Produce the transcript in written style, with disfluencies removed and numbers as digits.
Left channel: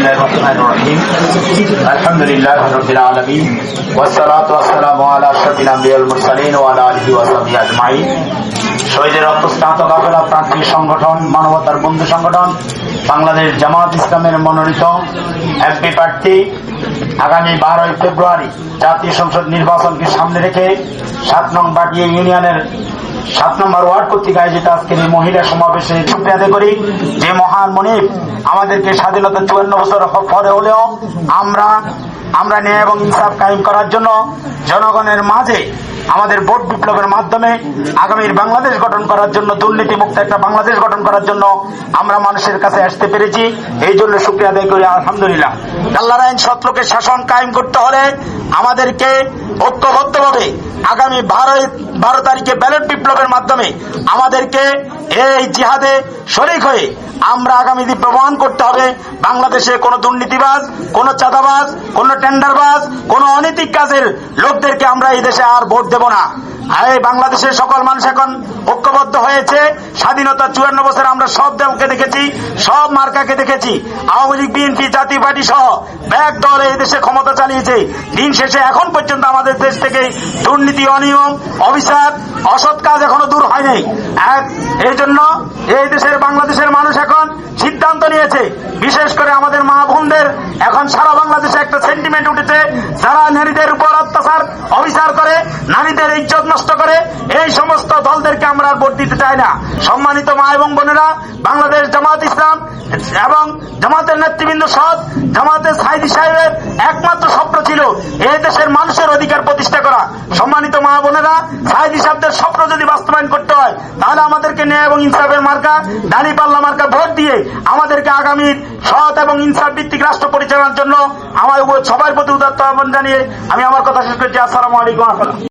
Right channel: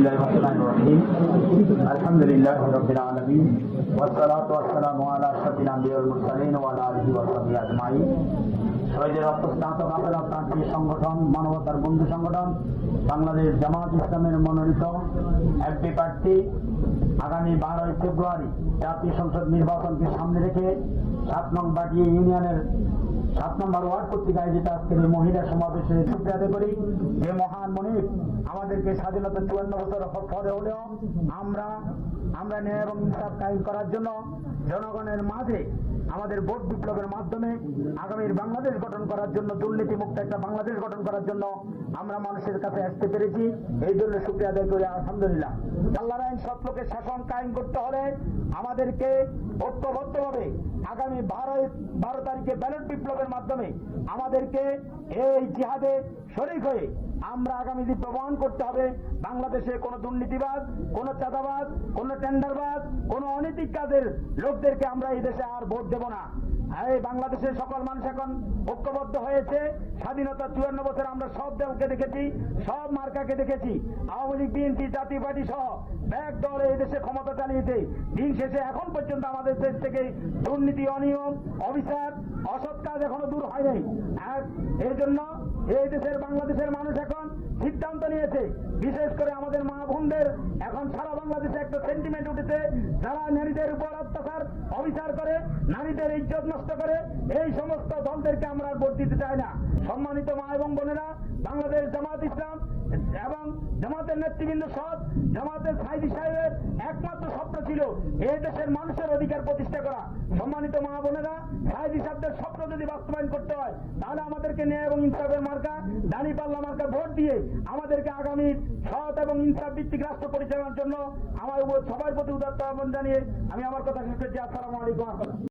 बिस्मिल्लाहिर्रहमानिर्रहीम अल्हम्दुलिल्लाहि रब्बिल आलमीन वस्सलातु वस्सलामु अला अशरफिल अंबिया वल मुरसालिन व अला आलिहि ওয়া সাহবিহি আজমাইন। শহীদের রক্তস্নাত কাফেলা প্রান্তিক সংগঠন মানবতার বন্ধু সংগঠন বাংলাদেশ জামাত ইসলামের মনোনীত এমপি প্রার্থী আগামী 12 ফেব্রুয়ারি জাতীয় সংসদ নির্বাচনকে সামনে রেখে 7 নং বাটিয়া ইউনিয়নের 7 নম্বর ওয়ার্ড কর্তৃক আয়োজিত আজকের এই মহিলা সমাবেশে শুকরিয়া আদায় করি যে মহান মনিব আমাদেরকে স্বাধীনতা 54 বছর পরে হলেও আমরা ন্যায় এবং ইনসাফ কায়েম করার জন্য জনগণের মাঝে আমাদের ভোট বিপ্লবের মাধ্যমে আগামীর বাংলাদেশ গঠন করার জন্য দুর্নীতিমুক্ত একটা বাংলাদেশ গঠন করার জন্য আমরা মানুষের কাছে আসতে পেরেছি। এই জন্য শুকরিয়া আদায় করি আলহামদুলিল্লাহ। আল্লাহর আইন সত্যকে শাসন কায়েম করতে হলে আমাদেরকে ঐক্যবদ্ধভাবে আগামী 12 তারিখে ব্যালট বিপ্লবের মাধ্যমে আমাদেরকে এই জিহাদে শরীক হয়ে আমরা আগামী দিন প্রমাণ করতে হবে বাংলাদেশে কোনো দুর্নীতিবাজ, কোনো চাঁদাবাজ, কোনো টেন্ডারবাজ, কোনো অনৈতিক কাজের লোকদেরকে আমরা এই দেশে আর ভোট দেব না। এই বাংলাদেশের সকল মানুষ এখন ঐক্যবদ্ধ হয়েছে। স্বাধীনতা 54 বছর আমরা সব দলকে দেখেছি, সব মার্কাকে দেখেছি। আওয়ামী লীগ, বিএনপি, জাতীয় পার্টি সহ ব্যাগ দল এই দেশে ক্ষমতা চালিয়েছে। দিন শেষে এখন পর্যন্ত আমাদের দেশ থেকে দুর্নীতি, অনিয়ম, অবিচার, অসৎ কাজ এখনো দূর হয়নি। এই জন্য এই দেশের বাংলাদেশের মানুষ এখন সিদ্ধান্ত নিয়েছে, বিশেষ করে আমাদের মা বোনদের এখন সারা বাংলাদেশে একটা সেন্টিমেন্ট উঠেছে, যারা নারীদের উপর অত্যাচার, অবিচার করে, নারীদের ইজ্জত নষ্ট করে, এই সমস্ত দলদেরকে আমরা ভোট দিতে চাই না। সম্মানিত মা এবং বোনেরা, বাংলাদেশ জামাত ইসলাম এবং জামাতের নেতৃবৃন্দ সহ জামাতের সাইদি সাহেবের একমাত্র স্বপ্ন ছিল এই দেশের মানুষের অধিকার প্রতিষ্ঠা করা। সম্মানিত মা বোনেরা, সাইদি সাহেবদের স্বপ্ন যদি বাস্তবায়ন করতে হয় তাহলে আমাদেরকে ন্যায় এবং ইনসাফের মার্কা, দাঁড়িপাল্লা মার্কা ভোট দিয়ে আমাদেরকে আগামীর সৎ এবং ইনসাফ ভিত্তিক রাষ্ট্র পরিচালনার জন্য আমার সবার প্রতি উদাত্ত আহ্বান জানিয়ে আমি আমার কথা শেষ করছি। আসসালামু আলাইকুম।